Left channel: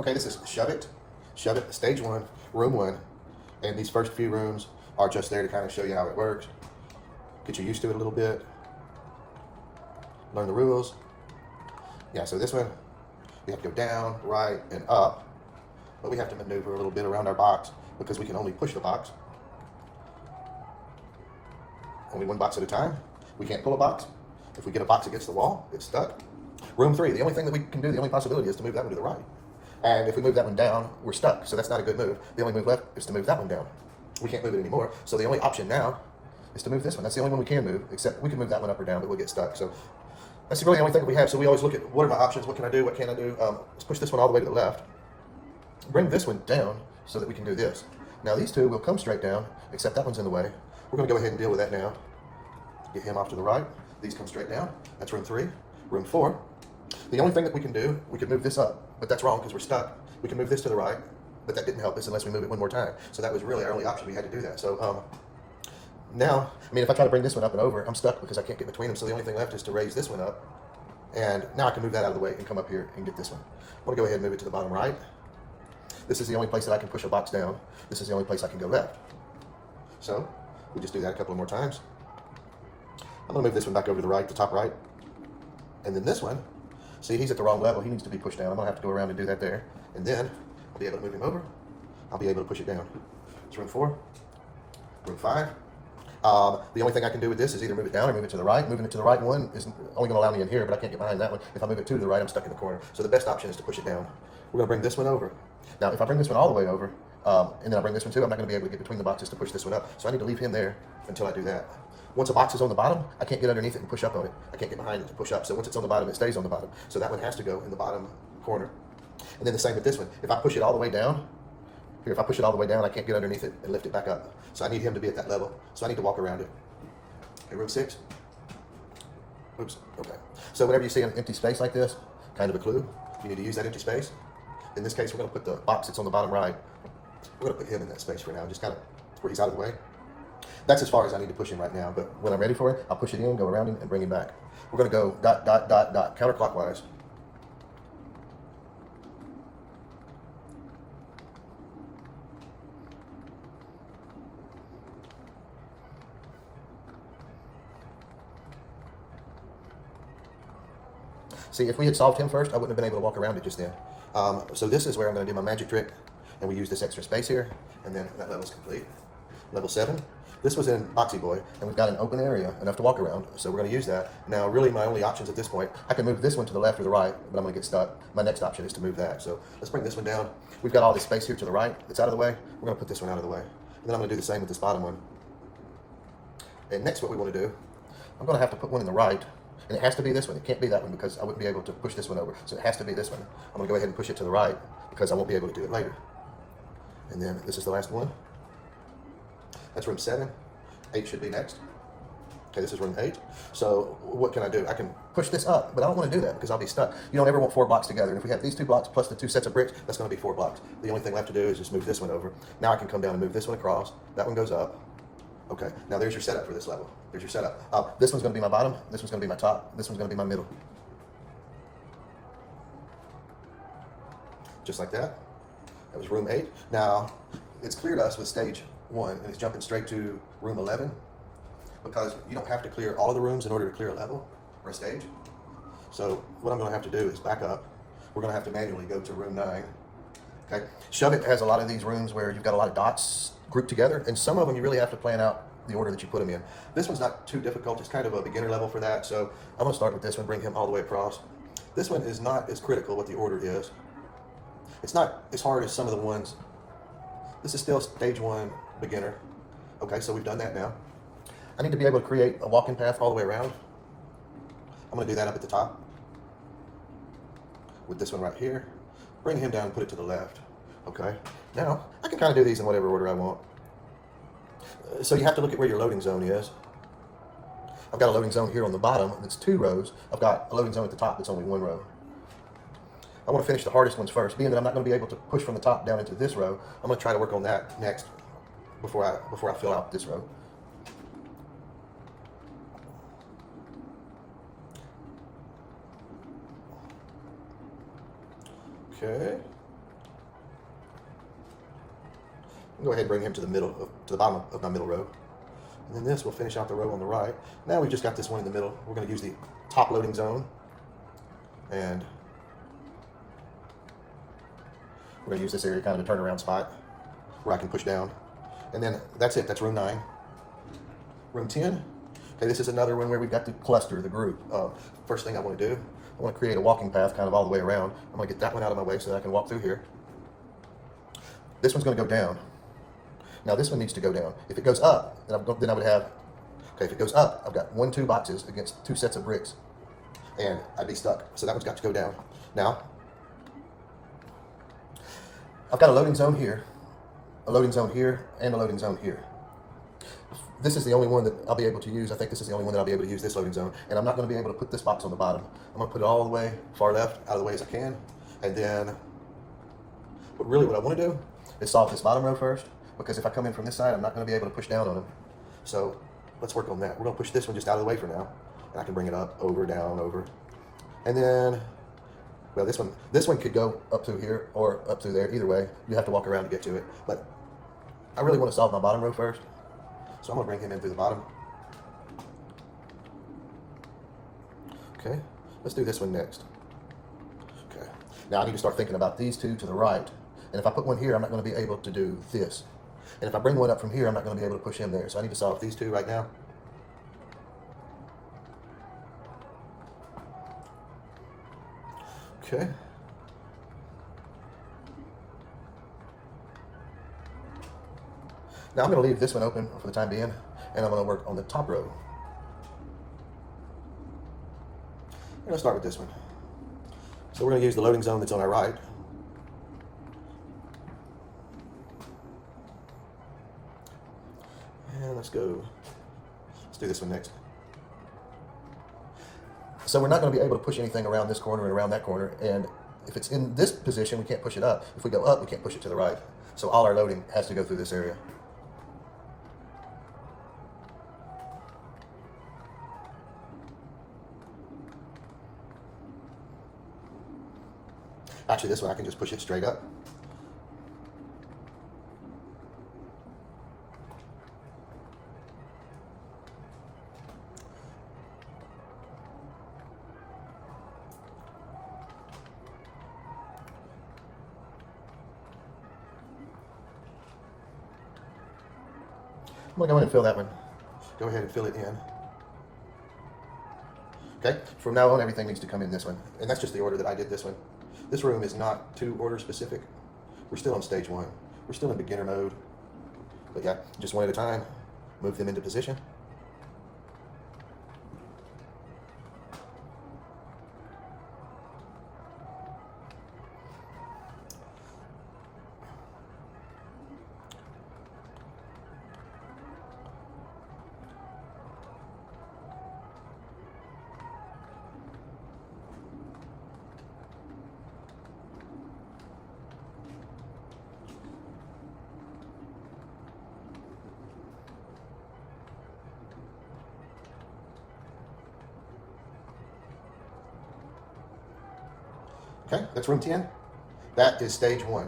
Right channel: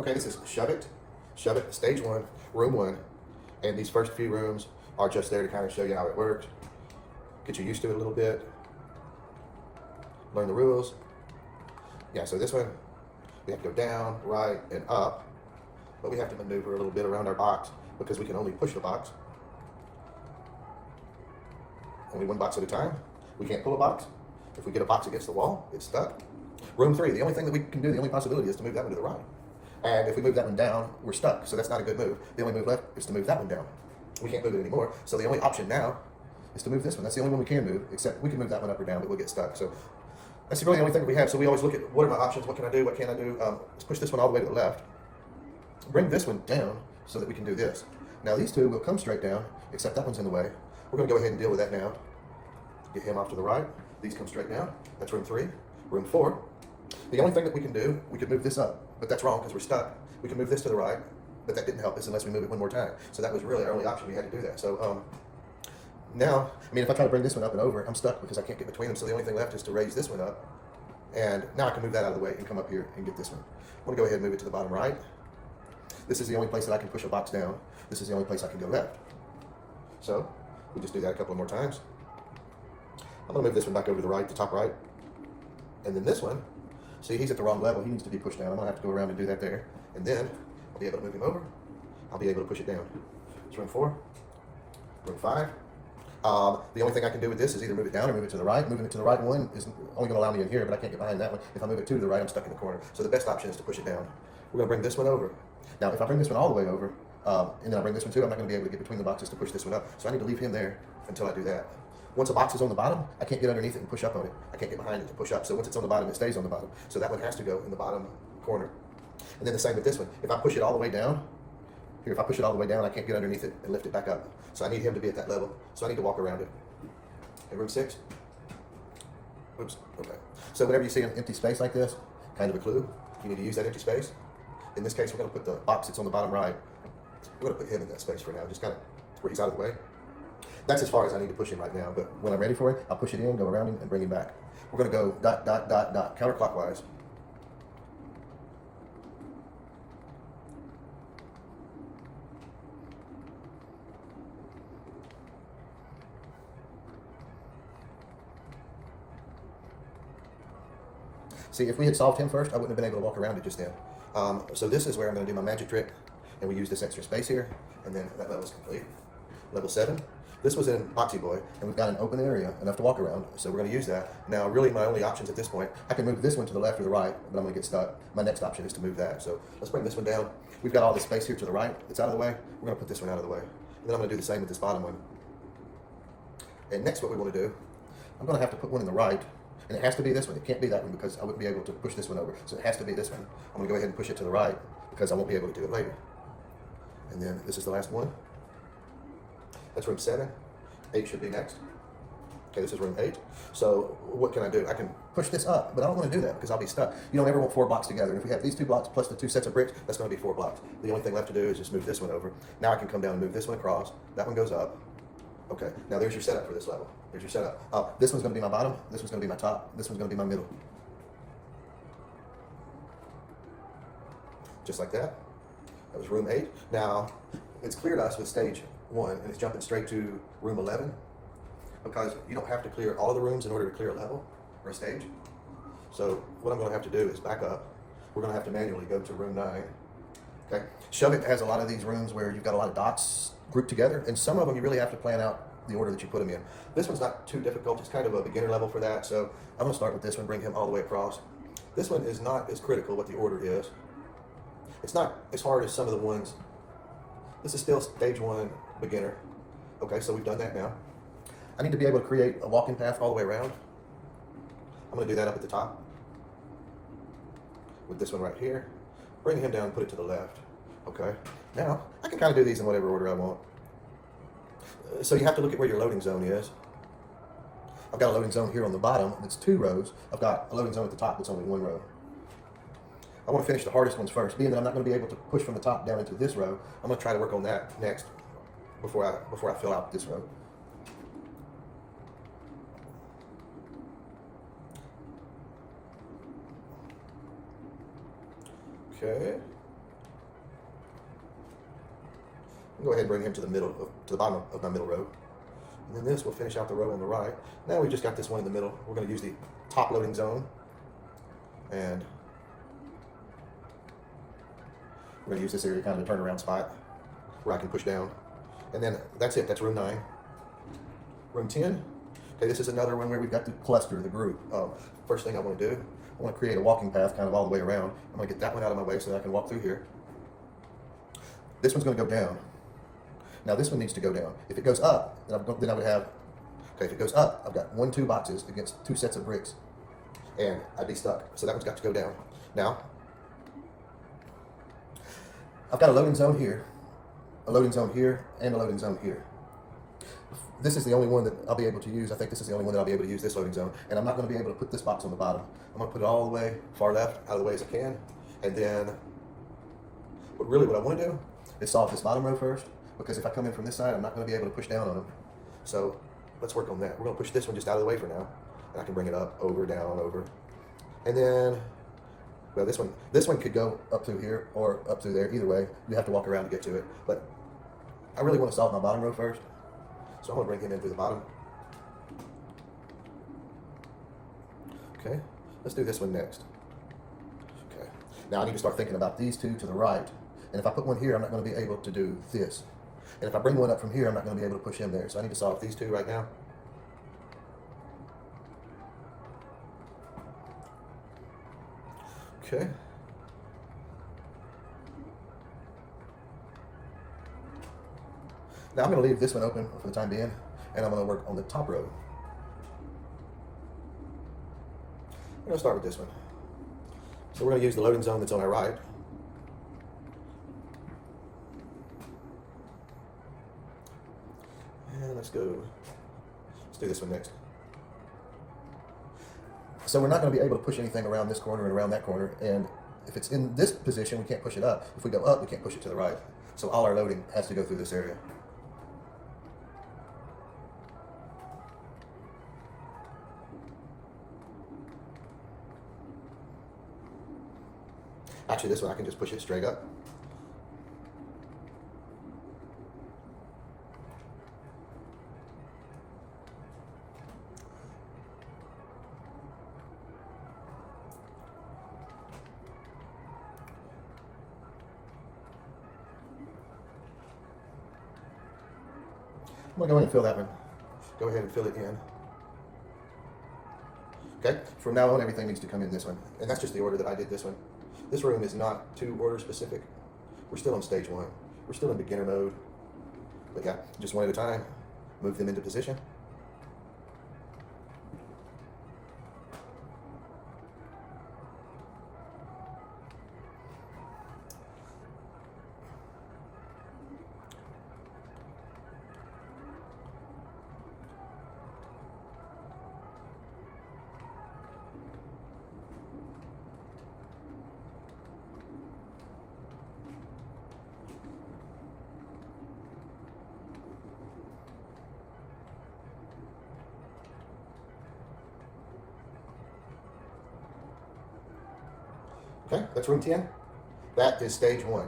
Okay, this is Shove It, stage one, room one. And these first few rooms are just there to kind of show you how it works, get you used to it a little bit, learn the rules. Yeah, so this one, we have to go down, right, and up, but we have to maneuver a little bit around our box because we can only push the box. Only one box at a time. We can't pull a box. If we get a box against the wall, it's stuck. Room three, the only thing that we can do, the only possibility is to move that one to the right. And if we move that one down, we're stuck, so that's not a good move. The only move left is to move that one down. We can't move it anymore, so the only option now is to move this one. That's the only one we can move, except we can move that one up or down, but we'll get stuck. So that's really the only thing that we have. So we always look at what are my options, what can I do, what can't I do. Let's push this one all the way to the left. Bring this one down so that we can do this. Now these two will come straight down, except that one's in the way. We're gonna go ahead and deal with that now. Get him off to the right. These come straight down. That's room three. Room four. The only thing that we can do, we could move this up, but that's wrong because we're stuck. We can move this to the right, but that didn't help us unless we move it one more time. So that was really our only option. We had to do that. So now, I mean, if I try to bring this one up and over, I'm stuck because I can't get between them. So the only thing left is to raise this one up. And now I can move that out of the way and come up here and get this one. I'm gonna go ahead and move it to the bottom right. This is the only place that I can push a box down. This is the only place I can go left. So we just do that a couple more times. I'm gonna move this one back over to the right, the top right. And then this one, see, he's at the wrong level. He needs to be pushed down. I'm gonna have to go around and do that there. And then I'll be able to move him over. I'll be able to push it down. It's room four, room five. The only thing I can do with this is either move it down or move it to the right. Moving it to the right one is only gonna allow me in here, but I can't get behind that one. If I move it two to the right, I'm stuck in the corner. So the best option is to push it down. We're gonna bring this one over. Now, if I bring this one all the way over, and then I bring this one too, I'm not gonna be able to get between the boxes to push this one up. So I need to leave him there until I do that. Once a box is on the bottom, I can't get underneath it and push up on it. I can't get behind it to push up. So once it's on the bottom, it stays on the bottom. So that one has to go in the bottom corner. And then the same with this one. If I push it all the way down, here, if I push it all the way down, I can't get underneath it and lift it back up. So I need him to be at that level. So I need to walk around it. Okay, room six. Oops, okay. So whenever you see an empty space like this, kind of a clue, you need to use that empty space. In this case, we're gonna put the box that's on the bottom right. We're gonna put him in that space for now, just kind of where he's out of the way. That's as far as I need to push him right now, but when I'm ready for it, I'll push it in, go around him, and bring him back. We're gonna go dot, dot, dot, dot, counterclockwise. See, if we had solved him first, I wouldn't have been able to walk around it just then. So this is where I'm gonna do my magic trick, and we use this extra space here, and then that level's complete. Level 7. This was in Boxy Boy, and we've got an open area, enough to walk around, so we're going to use that. Now, really, my only options at this point, I can move this one to the left or the right, but I'm going to get stuck. My next option is to move that. So let's bring this one down. We've got all this space here to the right that's out of the way. We're going to put this one out of the way. And then I'm going to do the same with this bottom one. And next, what we want to do, I'm going to have to put one in the right, and it has to be this one. It can't be that one because I wouldn't be able to push this one over. So it has to be this one. I'm going to go ahead and push it to the right because I won't be able to do it later. And then this is the last one. That's room 7. 8 should be next. Okay, this is room 8. So what can I do? I can push this up, but I don't want to do that because I'll be stuck. You don't ever want 4 blocks together. And if we have these 2 blocks plus the 2 sets of bricks, that's going to be 4 blocks. The only thing left to do is just move this one over. Now I can come down and move this one across. That one goes up. Okay, now there's your setup for this level. There's your setup. This one's going to be my bottom. This one's going to be my top. This one's going to be my middle. Just like that. That was room 8. Now, it's clear to us with stage 1, and it's jumping straight to room 11, because you don't have to clear all of the rooms in order to clear a level or a stage. So what I'm going to have to do is back up. We're going to have to manually go to room 9. Okay, Shove It has a lot of these rooms where you've got a lot of dots grouped together, and some of them you really have to plan out the order that you put them in. This one's not too difficult. It's kind of a beginner level for that. So I'm going to start with this one, bring him all the way across. This one is not as critical what the order is. It's not as hard as some of the ones. This is still stage 1 beginner. Okay, so we've done that now. I need to be able to create a walking path all the way around. I'm going to do that up at the top with this one right here. Bring him down and put it to the left. Okay, now I can kind of do these in whatever order I want. So you have to look at where your loading zone is. I've got a loading zone here on the bottom that's 2 rows. I've got a loading zone at the top that's only 1 row. I want to finish the hardest ones first. Being that I'm not going to be able to push from the top down into this row, I'm going to try to work on that next before I fill out this row. Okay. Go ahead and bring him to the to the bottom of my middle row. And then this will finish out the row on the right. Now we've just got this one in the middle. We're going to use the top loading zone. And we're going to use this area kind of a turnaround spot where I can push down. And then that's it. That's room 9. Room 10. Okay, this is another one where we've got to cluster the group. First thing I want to do, I want to create a walking path kind of all the way around. I'm going to get that one out of my way so that I can walk through here. This one's going to go down. Now this one needs to go down. If it goes up, then I would have, okay, if it goes up, I've got 2 boxes against 2 sets of bricks. And I'd be stuck. So that one's got to go down. Now, I've got a loading zone here, a loading zone here, and a loading zone here. This is the only one that I'll be able to use. I think this is the only one that I'll be able to use, this loading zone. And I'm not going to be able to put this box on the bottom. I'm going to put it all the way far left, out of the way as I can. And then, what I want to do is solve this bottom row first. Because if I come in from this side, I'm not going to be able to push down on them. So let's work on that. We're going to push this one just out of the way for now. And I can bring it up, over, down, over. And then, well, this one could go up through here or up through there. Either way, you have to walk around to get to it. But I really want to solve my bottom row first. So I'm going to bring him in through the bottom. Okay, let's do this one next. Okay, now I need to start thinking about these 2 to the right. And if I put one here, I'm not going to be able to do this. And if I bring one up from here, I'm not going to be able to push him there. So I need to solve these 2 right now. Okay. Now I'm going to leave this one open for the time being, and I'm going to work on the top row. We're going to start with this one. So we're going to use the loading zone that's on our right. And let's do this one next. So we're not going to be able to push anything around this corner and around that corner, and if it's in this position, we can't push it up. If we go up, we can't push it to the right. So all our loading has to go through this area. Actually, this one I can just push it straight up. I'm going to go ahead and fill that one. Go ahead and fill it in. Okay, from now on everything needs to come in this one. And that's just the order that I did this one. This room is not too order specific. We're still on stage 1. We're still in beginner mode. But yeah, just one at a time. Move them into position. Okay, that's room 10. That is stage 1.